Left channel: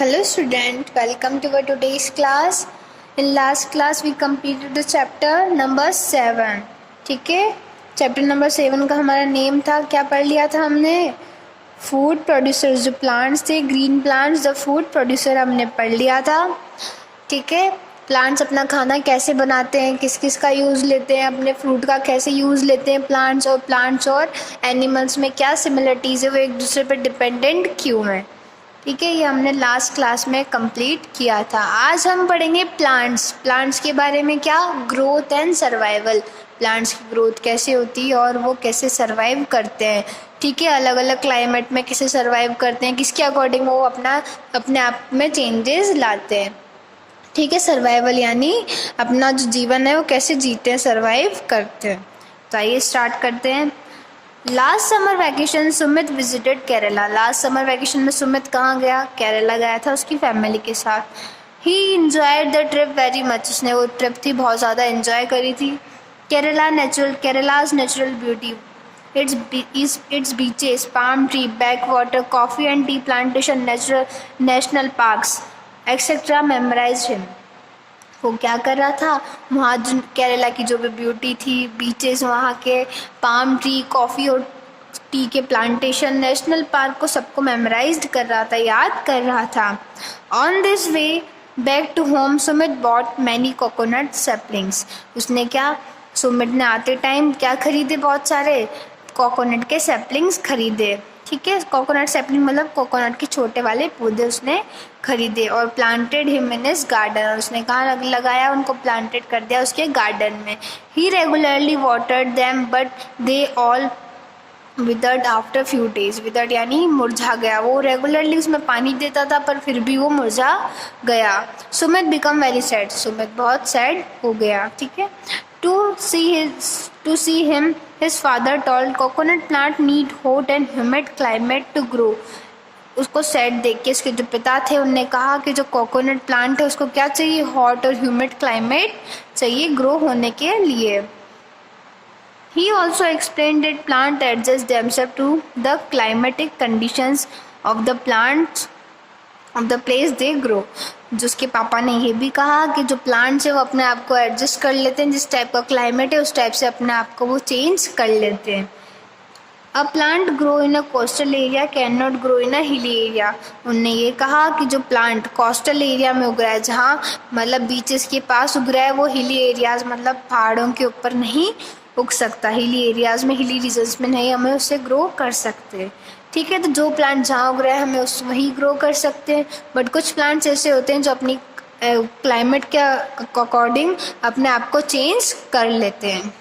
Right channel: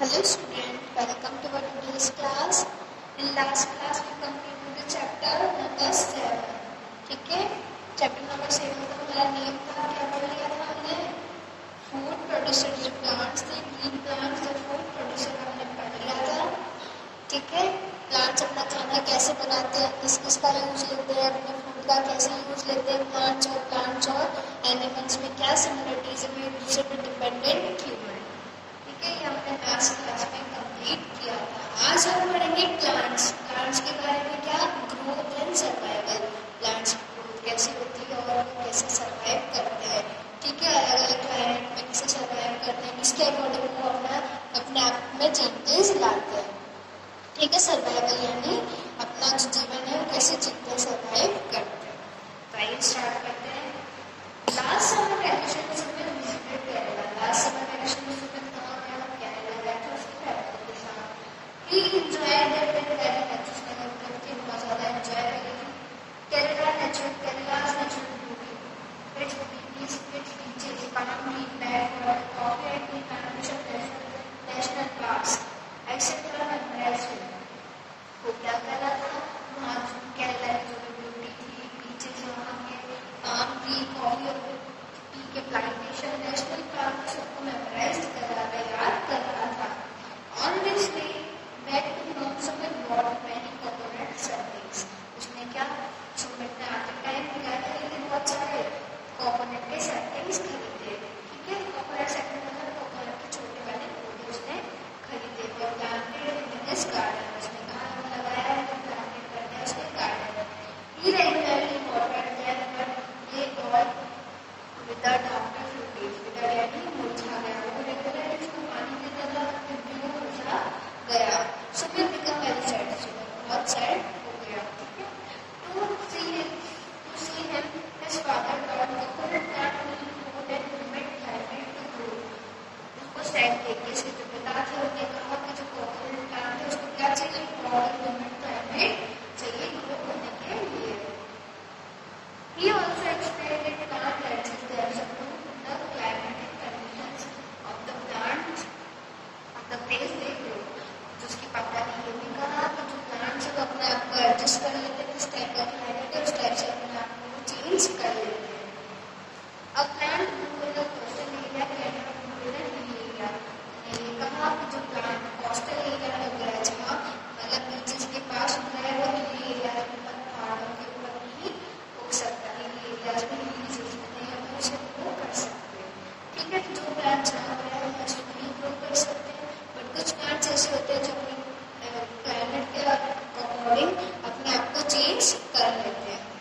Hello student, welcome to our today's class. In last class we completed the chapter number 7. ठीक है, chapter number 7 का हमारा name था, क्या पढ़ लिया था हमने? फूड प्रोड्यूसर्स, जो प्लांट्स थे, green plants, the food producer हमने पढ़ लिया था. ठीक है, प्लांट्स अपना खाना कैसे बनाते हैं, किस किस का यूज़ लेते हैं, अपने फ्रूट का कैसे यूज़ लेते हैं, प्लांट्स और एनिमल्स में क्या सिमिलरिटीज़ है, वो एक दूसरे पर डिपेंडेंट क्यों है. ठीक है, ये हमने लास्ट क्लास में कंप्लीट किया था. आज हम पढ़ेंगे प्लांट्स के बारे में. क्या? Growth and survival. प्लांट्स की ग्रोथ कैसे होती है और वो कैसे सर्वाइव करते हैं. ठीक है, अलग अलग क्लाइमेट में कैसे सर्वाइव करते हैं, किसके अकॉर्डिंग वो अपने आप में चेंजेस लाते हैं. ठीक है, सर्वाइवल यानी अपना जो जीवन है वो कैसे जीते हैं, सर्वाइव करते हैं. तो आइए स्टार्ट करते हैं. Last summer vacation Sumit visited Kerala. Last summer vacation में सुमित कहाँ गया? केरला गया था उसकी फैमिली के साथ. ही enjoyed the trip very much. उसने वो ट्रिप थी बहुत ज़्यादा इंजॉय करी थी. Kerala's natural beauty, it's beaches, palm tree, back water, coffee and tea plantation, national parks etcetera memorise him. वो क्या कर रहा था? वहाँ जो केरला की जो भी ब्यूटी थी, बीचेस, वहाँ के पाम ट्री, कॉफ़ी और टी के प्लांटेशन, नेशनल पार्क को सबको मेमोराइज्ड कर रहा था, याद कर रहा था. On this way back to home Sumit bought many coconut saplings. उसने क्या, सुमित ने आते टाइम क्या खरीदे? बहुत सारे कोकोनट के सैपलिंग्स खरीदे. ठीक है, कोकोनट सैपलिंग मतलब कोकोनट के छोटे वाले पौधे उसने खरीदे. और planted him in his garden, और उसने कहाँ लगाया? उनको प्लांटेड कर दिया उसके गार्डन में. He regularly watered them but they all withered after few days. Withered यानी मुरझा गया. वो रेगुलरली उसमें पानी देता था पर फिर भी वो मुरझा गया. Sumit become very sad. Sumit बहुत सैड हो गया. ठीक है, To see him, his father told coconut plant need hot and humid climate to grow. उसको सैड देख के उसके जो पिता थे उनने कहा कि जो कोकोनट प्लांट है उसको क्या चाहिए? हॉट और ह्यूमिड क्लाइमेट चाहिए ग्रो होने के लिए. He also explained that plant adjust themselves to the climatic conditions of the plants of the place they grow. जो उसके पापा ने ये भी कहा कि जो प्लांट्स है वो अपने आप को एडजस्ट कर लेते हैं, जिस टाइप का क्लाइमेट है उस टाइप से अपने आप को वो चेंज कर लेते हैं. अ plant grow in a coastal area can not grow in a hilly area. उनने ये कहा कि जो प्लांट कोस्टल एरिया में उग रहा है, जहाँ मतलब बीचेस के पास उग रहा है, वो हिली एरियाज मतलब पहाड़ों के ऊपर नहीं उग सकता. हिली एरियाज में, हिली रीजन्स में नहीं हम उसे ग्रो कर सकते. ठीक है, तो जो प्लांट जहाँ उग रहा है हमें उस वहीं ग्रो कर सकते हैं. बट कुछ प्लांट्स ऐसे होते हैं जो अपनी क्लाइमेट के अकॉर्डिंग अपने आप को चेंज कर लेते हैं.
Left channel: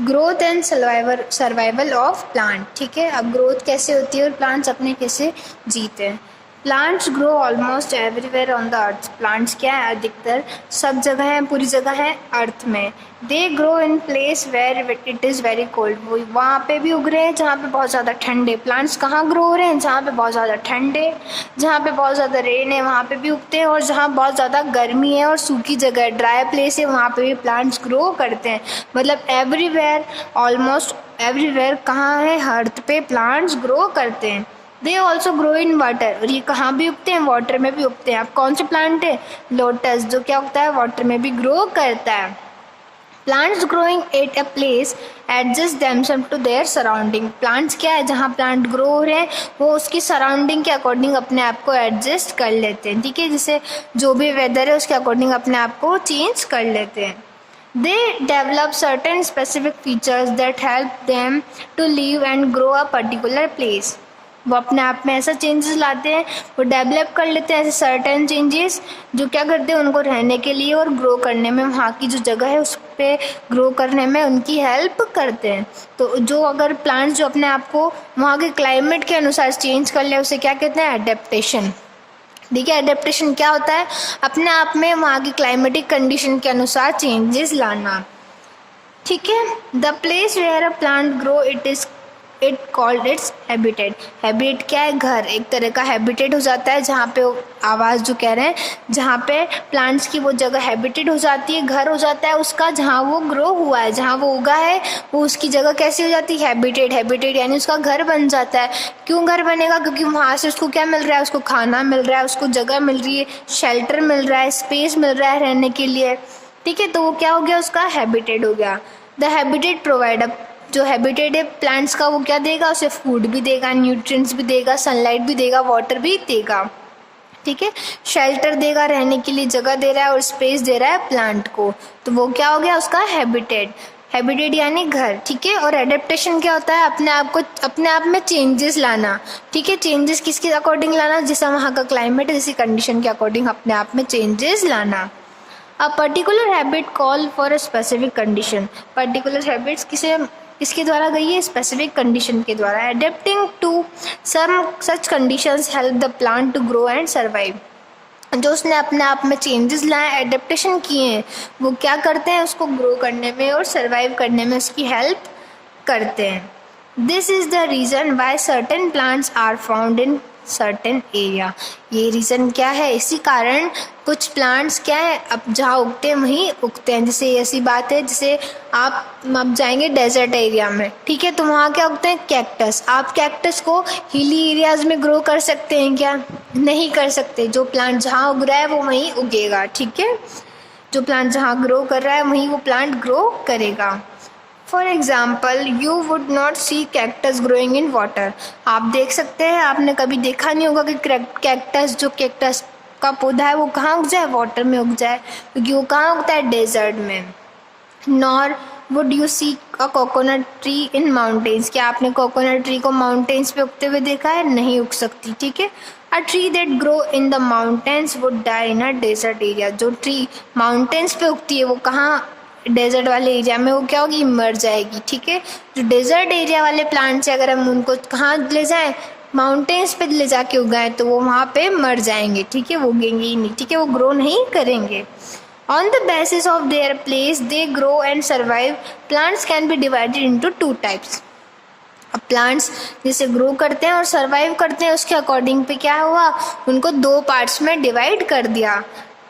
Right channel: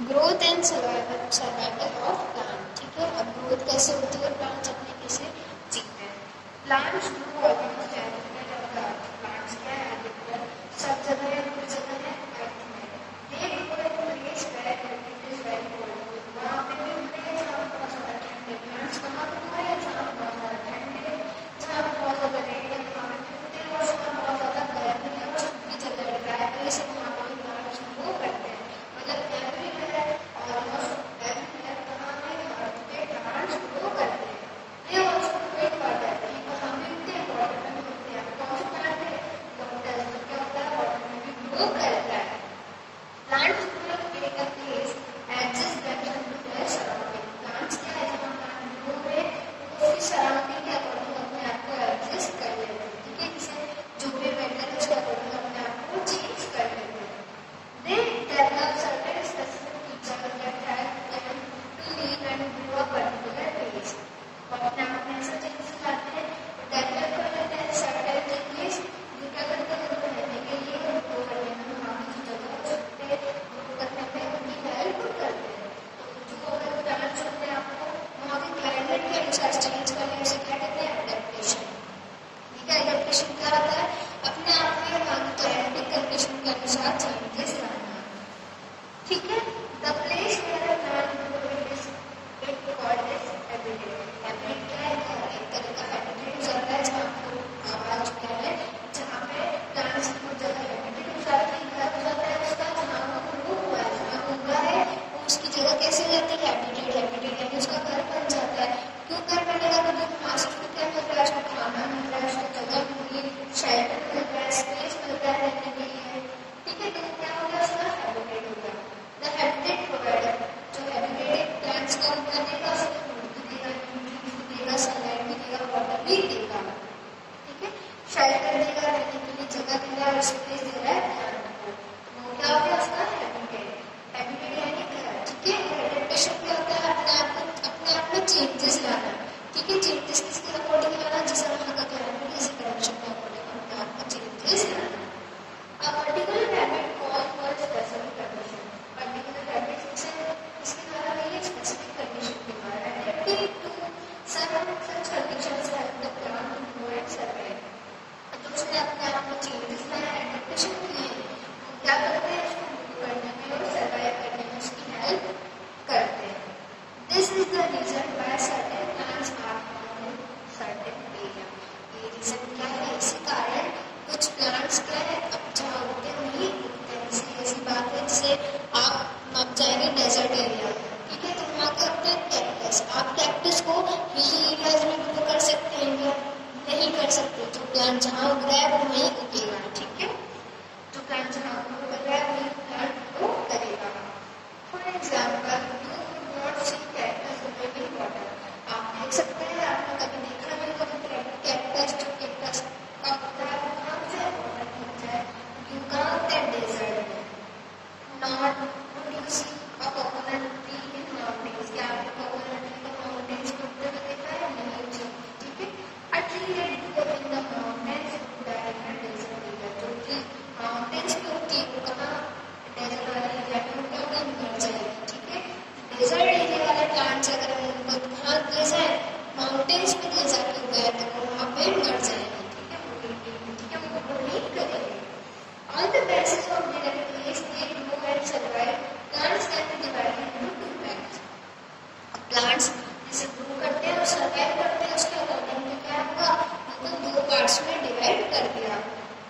Growth and survival of plant. ठीक है, अब ग्रोथ कैसे होती है और प्लांट्स अपने कैसे जीते हैं. Plants grow almost everywhere on the earth. Plants क्या है? अधिकतर सब जगह है, पूरी जगह है अर्थ में. They grow in place where it is very cold. वो वहाँ पे भी उग रहे हैं जहाँ पे बहुत ज़्यादा ठंड है. प्लांट्स कहाँ ग्रो हो रहे हैं? जहाँ पे बहुत ज़्यादा ठंड है, जहाँ पे बहुत ज़्यादा रेन है वहाँ पे भी उगते हैं, और जहाँ बहुत ज़्यादा गर्मी है और सूखी जगह है, ड्राई प्लेस है, वहाँ पे भी प्लांट्स ग्रो करते हैं. मतलब एवरीवेयर, ऑलमोस्ट एवरीवेयर कहाँ है? अर्थ पे प्लांट्स ग्रो करते हैं. They also grow in water. और ये कहाँ भी उगते हैं? वाटर में भी उगते हैं. अब कौन से प्लांट है? लोटस, जो क्या उगता है? वाटर में भी ग्रो करता है. Plants growing at a place adjust themself to their surrounding. Plants क्या है? जहाँ प्लांट ग्रो हो रहे हैं वो उसकी सराउंडिंग के अकॉर्डिंग अपने आप को एडजस्ट कर लेते हैं. ठीक है, जैसे जो भी वेदर है उसके अकॉर्डिंग अपने आप को चेंज कर लेते हैं. They develop certain specific features that help them to live and grow a particular place. वो अपने आप में ऐसा चेंजेस लाते हैं, वो डेवलप कर लेते हैं ऐसे सर्टेन चेंजेस जो क्या करते हैं? उनको रहने के लिए और ग्रो करने में, वहाँ की जो जगह है उस पर ग्रो करने में उनकी हेल्प करते हैं. तो जो अगर प्लांट्स जो अपने आप को वहाँ के क्लाइमेट के अनुसार चेंज कर ले उसे क्या कहते हैं? एडेप्टेशन. देखिए, एडेप्टेशन क्या होता है? अपने आप में वहाँ की क्लाइमेटिक कंडीशन के अनुसार चेंजेस लाना. ठीक है, the place where a plant grow it is it called its habitat. Habitat क्या है? घर, एक तरह का हैबिटेट हो जाता है जहाँ पे आवाज़ जो कह रहे हैं, जहाँ पे प्लांट्स की वो जगह हैबिटेट हो जाती है, घर हो जाता है उसका, जहाँ वो ग्रो हुआ है, जहाँ वो उगा है, वो उसकी जगह कैसी हो जाती है? हैबिटेट। हैबिटेट यानी उसका घर बन जाता है। क्यों घर बनेगा? क्योंकि वहाँ से उसको क्या मिल रहा है? उसको खाना मिल रहा है, उसको जगह मिल रही है, शेल्टर मिल रहा है, स्पेस मिल रहा है रहने के लिए, ठीक है। तो वो क्या हो गया? उसका हैबिटेट हो गया। द हैबिटेट प्रोवाइड, जो हैबिटेट है प्लांट्स का, वो क्या देगा? उसे फूड भी देगा, न्यूट्रिएंट्स भी देगा, सनलाइट भी देगा, वाटर भी देगा, ठीक है। शेल्टर देगा, रहने के लिए जगह दे रहा है, और स्पेस दे रहा है प्लांट को, तो वो क्या हो गया? उसका हैबिटेट। हैबिटेट यानी घर, ठीक है। और एडेप्टेशन क्या होता है? अपने आप में चेंजेस लाना, ठीक है। चेंजेस किसके अकॉर्डिंग लाना? जैसा वहाँ का क्लाइमेट है, जैसी कंडीशन के अकॉर्डिंग अपने आप में चेंजेस लाना। A particular habit call for a specific condition. Particular habits किसके द्वारा गई है? स्पेसिफिक कंडीशन के द्वारा। Adapting to some such conditions help the plant to grow and survive. जो उसने अपने आप में चेंजेस लाए, एडेप्टेशन किए हैं, वो क्या करते हैं? उसको ग्रो करने में और सर्वाइव करने में उसकी हेल्प करते हैं। This is the reason why certain plants are found in certain area. ये रीज़न क्या है? इसी कारण कुछ प्लांट्स क्या है, अब जहाँ उगते हैं वहीं उगते हैं। जैसे ऐसी बात है, जैसे आप अब जाएंगे डेजर्ट एरिया में, ठीक है, तो वहाँ क्या उगते हैं? कैक्टस। आप कैक्टस को हिली एरियाज में ग्रो कर सकते हैं क्या? नहीं कर सकते। जो प्लांट जहाँ उग रहा है वो वहीं उगेगा, ठीक है। जो प्लांट जहाँ ग्रो कर रहा है वहीं वो प्लांट ग्रो करेगा। For example, you would not see cactus growing in water. आप देख सकते हैं, आपने कभी देखा नहीं होगा कि कैक्टस का पौधा है वो कहाँ उग जाए? वाटर में उग जाए, क्योंकि वो कहाँ उगता है? डेजर्ट में। Nor would you see a coconut tree in mountains. क्या आपने कोकोनट ट्री को माउंटेन्स पे उगते हुए देखा है? नहीं उग सकती, ठीक है। A tree that grow in the mountains would die in a desert area. जो ट्री माउंटेन्स पे उगती है वो कहाँ? डेजर्ट वाले एरिया में वो क्या होगी? मर जाएगी, ठीक है। जो डेजर्ट एरिया वाले प्लांट्स है, अगर हम उनको कहाँ ले जाएं? माउंटेन्स पे ले जाके उगाएं, तो वो वहाँ पे मर जाएंगे, ठीक है, वो उगेंगे ही नहीं, ठीक है, वो ग्रो नहीं करेंगे। On the basis of their place they grow and survive, plants can be divided into two types. अब प्लांट्स जैसे ग्रो करते हैं और सर्वाइव करते हैं, उसके अकॉर्डिंग पे क्या हुआ? उनको दो पार्ट्स में डिवाइड कर दिया,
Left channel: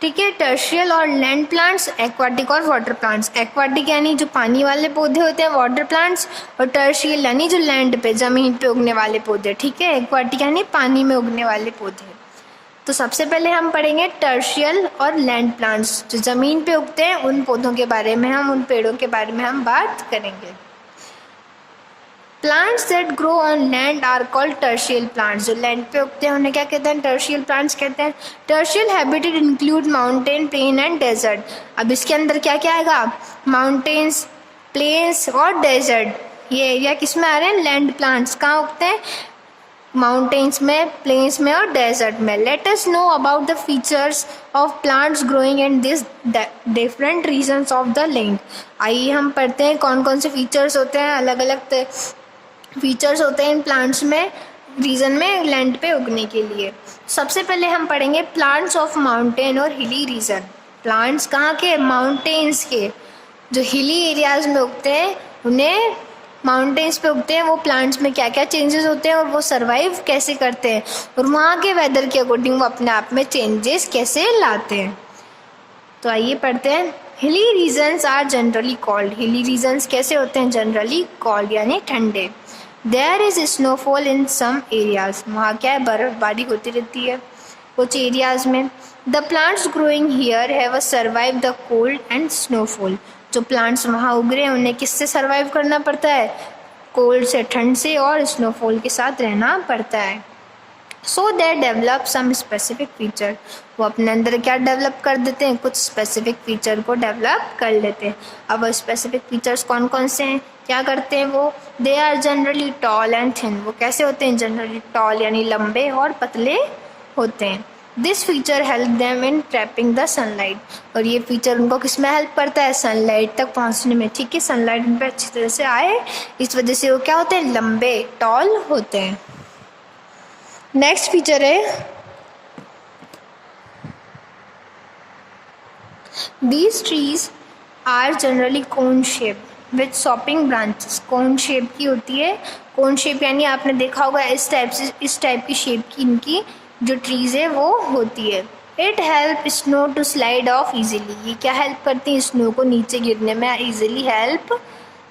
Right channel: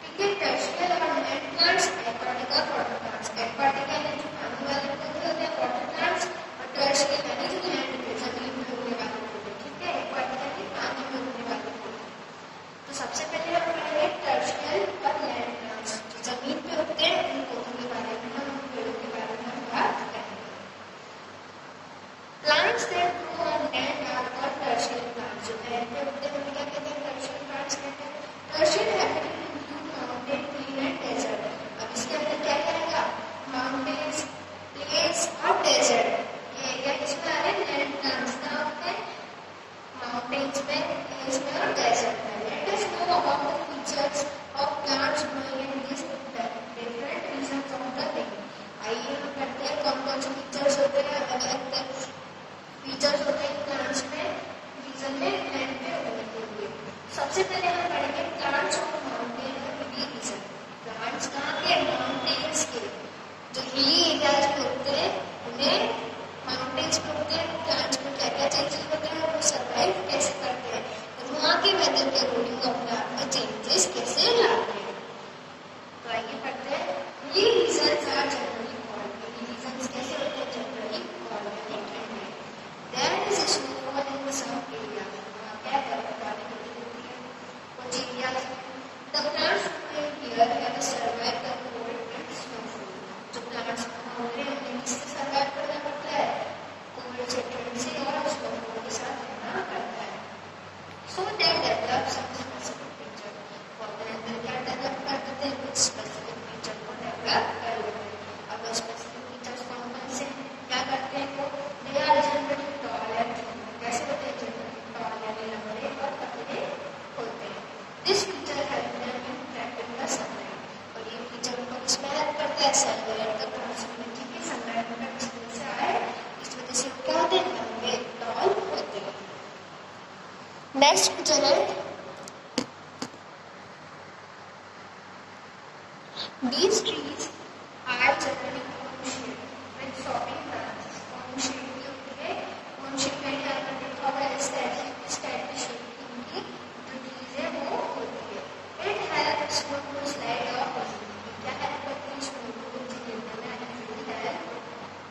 ठीक है। टर्शियल और लैंड प्लांट्स, एक्वाटिक और वाटर प्लांट्स। एक्वाटिक यानी जो पानी वाले पौधे होते हैं, वाटर प्लांट्स, और टर्शियल यानी जो लैंड पे, ज़मीन पे उगने वाले पौधे, ठीक है। एक्वाटिक यानी पानी में उगने वाले पौधे। तो सबसे पहले हम पढ़ेंगे टर्शियल और लैंड प्लांट्स, जो ज़मीन पे उगते हैं उन पौधों के बारे में, हम उन पेड़ों के बारे में हम बात करेंगे। Plants that grow on land are called terrestrial plants. जो लैंड पे उगते हैं उन्हें क्या कहते हैं? टर्शियल प्लांट्स कहते हैं। Terrestrial habitat include mountain, plain and desert. अब इसके अंदर क्या क्या आएगा? माउंटेन्स, प्लेन्स और डेजर्ट। ये एरिया किस में आ रहे हैं? Land plants. कहाँ उगते हैं? माउंटेन्स में, प्लेन्स में और डेजर्ट में। Let us know about the features of plants growing in this different regions of the land. आइए हम पढ़ते हैं कौन कौन से फीचर्स होते हैं, अलग अलग फीचर्स होते हैं इन प्लांट्स में, रीजन में, लैंड पे उगने के लिए। सबसे पहले हम पढ़ेंगे प्लांट्स ऑफ माउंटेन और हिली रीजन। प्लांट्स कहाँ के? माउंटेन्स के। जो हिली एरियाज में उगते हैं उन्हें माउंटेन्स पे उगते हैं, वो प्लांट्स में क्या क्या चेंजेस होते हैं और वो सर्वाइव कैसे करते हैं, और वहाँ के वेदर के अकॉर्डिंग वो अपने आप में चेंजेस कैसे लाते हैं। तो आइए पढ़ते हैं। Hilly regions are generally cold. Hilly regions कैसे होते हैं? जनरली कॉल्ड यानी ठंडे। There is snowfall in some areas. वहाँ क्या है? बर्फबारी होती रहती है कुछ एरियाज में। The plants growing here have survive the cold and snowfall. जो प्लांट्स वहाँ उग रहे हैं उन्हें किससे सर्वाइव करना पड़ता है? कोल्ड से, ठंड से, और स्नोफॉल के साथ रहना पड़ता है। So they develop some specific feature. वो अपने अंदर क्या डेवलप कर देते हैं? कुछ स्पेसिफिक फीचर को डेवलप कर लेते हैं। अब वो स्पेसिफिक फीचर्स कौन कौन से हैं? क्या करते हैं वो? They are generally tall and thin. वो कैसे होते हैं? जनरली टॉल यानी लंबे और पतले होते हैं। This feature help them in trapping the sunlight. और ये फीचर उनको किस में हेल्प करता है? सनलाइट तक पहुंचने में, ठीक है। सनलाइट उन पर अच्छी तरह से आए, इस वजह से वो क्या होते हैं? लंबे, टॉल होते हैं। नेक्स्ट फीचर है these trees are generally cone shape. With sloping branches, cone shape की होती है। कोन शेप यानी आपने देखा होगा इस टाइप की शेप की इनकी जो ट्रीज़ है वो होती है। It help snow to slide off easily, ये क्या हेल्प करती है, स्नो को नीचे गिरने में ईजिली हेल्प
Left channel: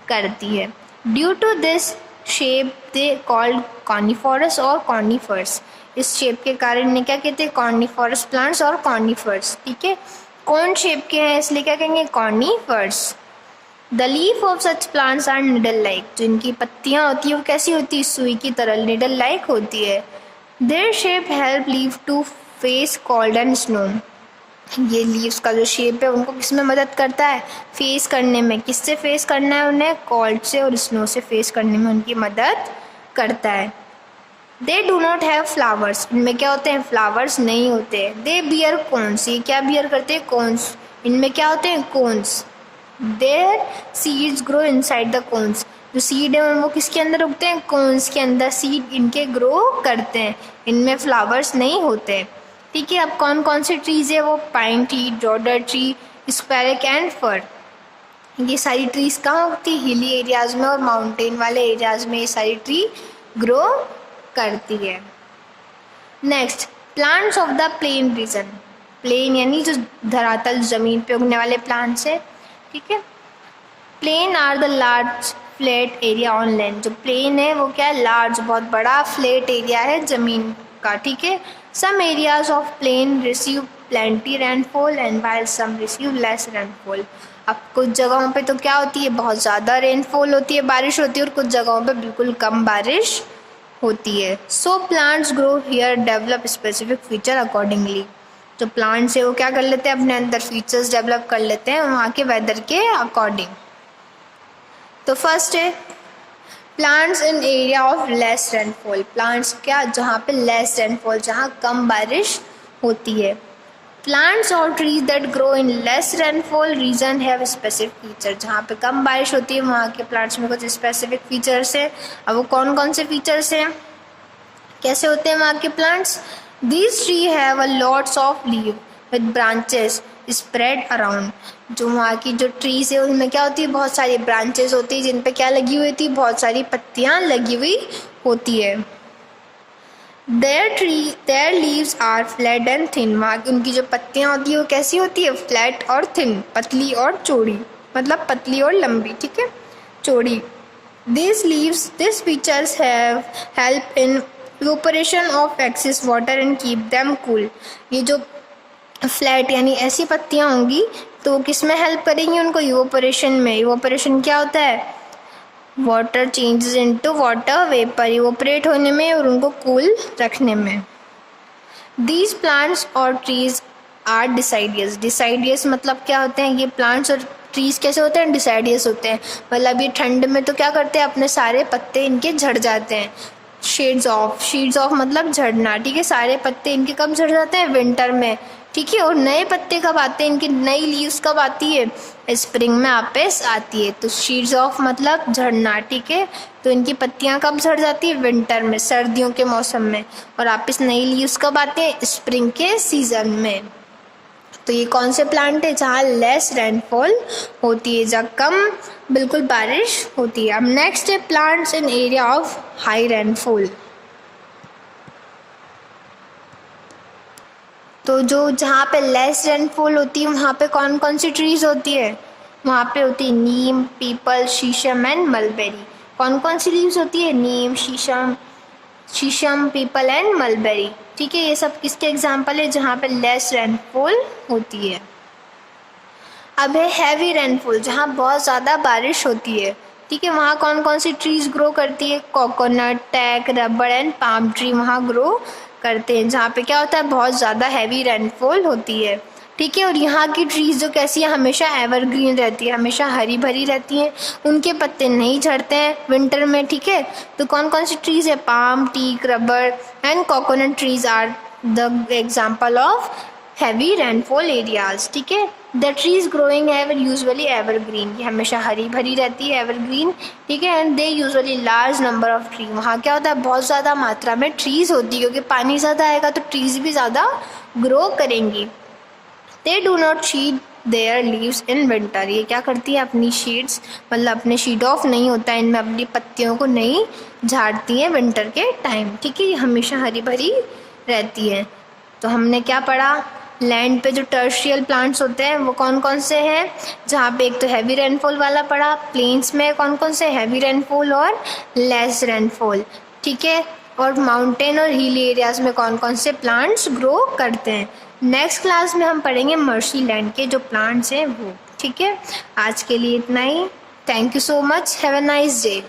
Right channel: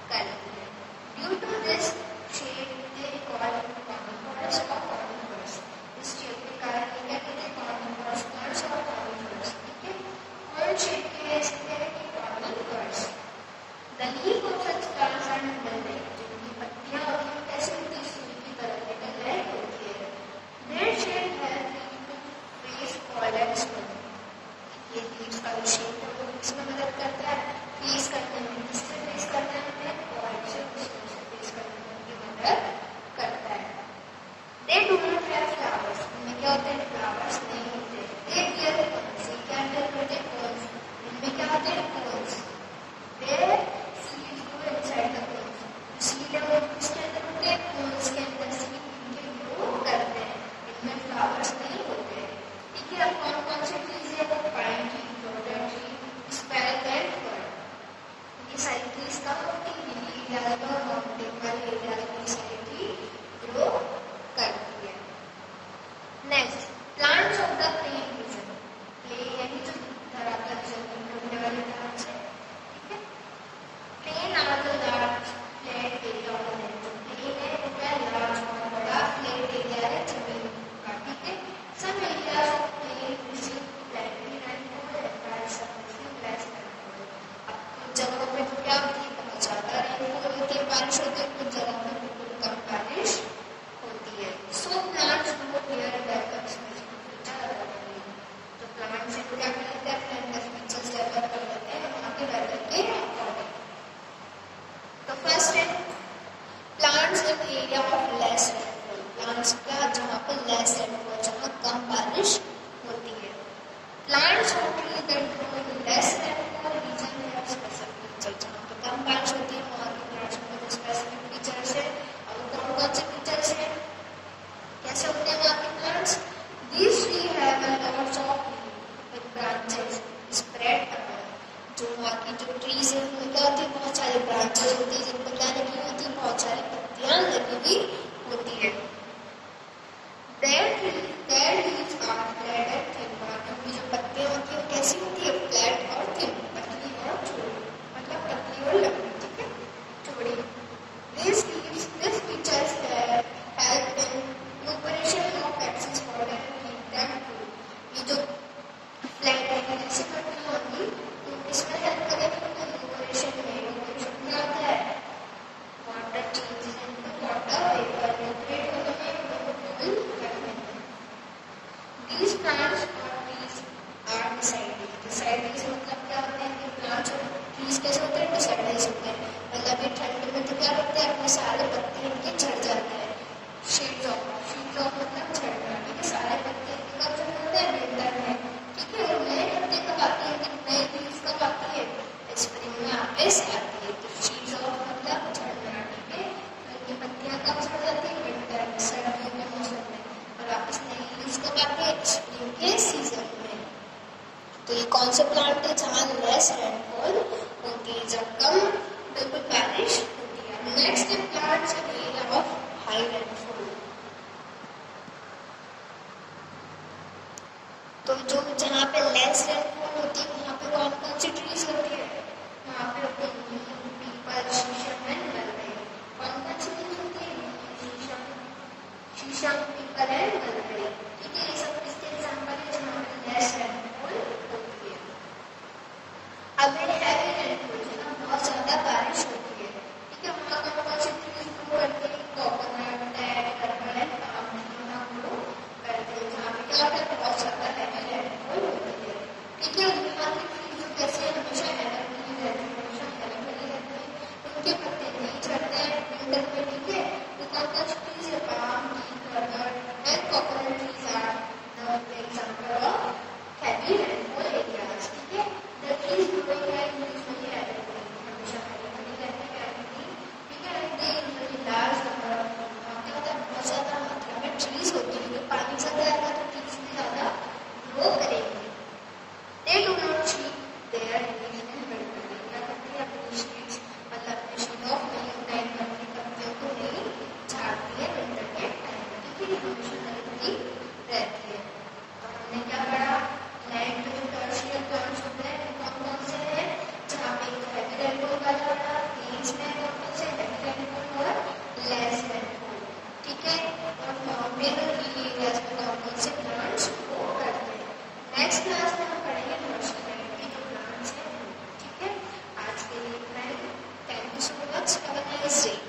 करती है। Due to this shape they called coniferous और कॉर्निफर्स, इस शेप के कारण इन्हें क्या कहते हैं, कॉर्निफोरस प्लांट्स और कॉर्निफर्स। ठीक है, कौन शेप के हैं इसलिए क्या कहेंगे, conifers. The leaf of such plants are needle like, जो इनकी पत्तियाँ होती है वो कैसी होती है, सुई की तरह निडल लाइक होती है। Their shape help leaf to face cold and snow, ये लीव्स का जो शेप है उनको किस में मदद करता है, फेस करने में। किससे फेस करना है उन्हें, कोल्ड से और स्नो से फेस करने में उनकी मदद करता है। They do not have flowers, इनमें क्या होते हैं, फ्लावर्स नहीं होते। दे बियर कोन्स, ये क्या बियर करते हैं, कोन्स, इनमें क्या होते हैं, cones. Their seeds grow inside the cones, जो सीड है वो किसके अंदर उगते हैं, कोन्स के अंदर सीड इनके ग्रो करते हैं, इनमें फ्लावर्स नहीं होते। ठीक है, अब कौन कौन से ट्रीज़ है वो, pine tree, deodar tree, spruce and fir, ये सारी ट्रीज़ कहाँ होती है, हिली एरियाज़ में और माउंटेन वाले एरियाज़ में ये सारी ट्री ग्रो करती है। Next, plants of the plain region, plain यानी जो धरातल ज़मीन पे उगने वाले प्लांट्स है। ठीक है, plain are the large flat area on land, जो प्लेन है वो क्या है, लार्ज बहुत बड़ा फ्लैट एरिया है ज़मीन का। ठीक है, some areas of plain receive plenty rainfall and while some receive less rainfall, अब कुछ जगहों पे तो क्या होती है, बहुत ज़्यादा रेनफॉल होती है, बारिश होती है, और कुछ जगहों पे बिल्कुल कम बारिश होती है। So plants grow here develop specific feature accordingly, जो प्लांट्स है वो क्या कर लेते हैं, अपने अंदर फीचर्स डेवलप कर लेते हैं वहाँ के वेदर के अकॉर्डिंग। तो फर्स्ट है plants in area of less rainfall, plants क्या, जहाँ पे लेस रेनफॉल, जहाँ कम बारिश होती है। प्लांट्स और trees that grow in less rainfall reason have specific feature, जहाँ पे कम बारिश होती है वहाँ के प्लांट्स में कुछ स्पेसिफिक फीचर्स है। अब वो कौन कौन से फीचर्स हैं, कैसे होते हैं वहाँ के plants. These tree have a lots of leave with branches spread around, जो वहाँ की जो ट्रीज है उनमें क्या होती है, बहुत सारी ब्रांचेस होती है जिन पे क्या लगी हुई थी, बहुत सारी पत्तियाँ लगी हुई होती है। Their leaves are flat and thin, वहाँ की उनकी जो पत्तियाँ होती है वो कैसी होती है, फ्लैट और थिन, पतली और चौड़ी, मतलब पतली और लंबी। ठीक है, चौड़ी। This features have help in evaporation of excess water and keep them cool, ये जो फ्लैट यानी ऐसी पत्तियाँ होंगी तो किस में हेल्प करेंगी उनको, इवोपरेशन में। इवोपरेशन क्या होता है, water changes into water vapour, evaporate होने में और उनको कूल रखने में। दीज प्लांट्स और ट्रीज आर डिसाइडियस, डिसाइडियस मतलब क्या होते हैं, ये प्लांट्स और ट्रीज कैसे होते हैं, डिसाइडियस होते हैं, मतलब ये ठंड में तो क्या करते हैं, अपने सारे पत्ते इनके झड़ जाते हैं। शेड्स ऑफ मतलब झड़ना। ठीक है, सारे पत्ते इनके कब झड़ जाते हैं, विंटर में। ठीक है, और नए पत्ते कब आते हैं, इनकी नई लीव्स कब आती है, स्प्रिंग में वापस आती है। तो शीड्स ऑफ मतलब झड़ना। ठीक है, तो इनकी पत्तियां कब झड़ जाती है, विंटर में, सर्दियों के मौसम में, और वापस नई लीव्स कब आती है, स्प्रिंग के सीजन में। तो ये कौन से प्लांट है, जहाँ लेस रेनफॉल होती है, जहाँ कम बिल्कुल बारिश होती है। अब नेक्स्ट है plants in area of high rainfall, तो जो जहाँ पे लेस रेनफॉल होती है वहाँ पे कौन कौन सी ट्रीज होती है, वहाँ पे होती है नीम, पीपल, शीशम एंड मलबेरी। कौन कौन सी लीव्स होती है, नीम, शीशम, पीपल एंड मलबेरी। ठीक है, ये सब किसके एग्जाम्पल है, जहाँ पे लेस रेनफॉल होती है। अब है हैवी रेनफॉल, जहाँ बहुत ज़्यादा बारिश होती है। ठीक है, वहाँ कौन कौन सी ट्रीज ग्रो करती है, coconut, teak, rubber and palm tree वहाँ ग्रो करते हैं, जहाँ पे क्या होता है, बहुत ज़्यादा हैवी रेनफॉल होती है। ठीक है, और यहाँ की ट्रीज जो कैसी है, हमेशा एवरग्रीन रहती है, हमेशा हरी भरी रहती हैं, उनके पत्ते नहीं झड़ते हैं विंटर में। ठीक है, तो कौन कौन सी ट्रीज है, palm, teak, rubber and coconut trees are the example of heavy rainfall areas. ठीक है, द ट्रीज ग्रोइंग है यूजुअली एवरग्रीन, ये हमेशा हरी भरी रहती है, एवरग्रीन। ठीक है, and they usually large number of tree, वहाँ क्या होता है, बहुत ज़्यादा मात्रा में ट्रीज होती है, क्योंकि पानी ज़्यादा आएगा तो ट्रीज भी ज़्यादा ग्रो करेंगी। They do not there leaves in winter. ये क्या करती है, अपनी शीड्स मतलब अपने शीड ऑफ नहीं होता है इनमें, अपनी पत्तियों को नहीं झाड़ती हैं विंटर के टाइम, ठीक है। ये हमेशा हरी भरी रहती है। तो हमने क्या पढ़ा, लैंड पे जो टर्शियल प्लांट्स होते हैं वो कौन कौन से हैं, जहाँ पे एक तो हैवी रेनफॉल वाला पढ़ा, प्लेन्स में कौन कौन से हैवी रेनफॉल और लेस रेनफॉल, ठीक है। और माउंटेन और हिल एरियाज में कौन कौन से प्लांट्स ग्रो करते हैं। नेक्स्ट क्लास में हम पढ़ेंगे मर्सी लैंड के जो प्लांट्स हैं वो, ठीक है। आज के लिए इतना ही। Thank you so much, have a nice day.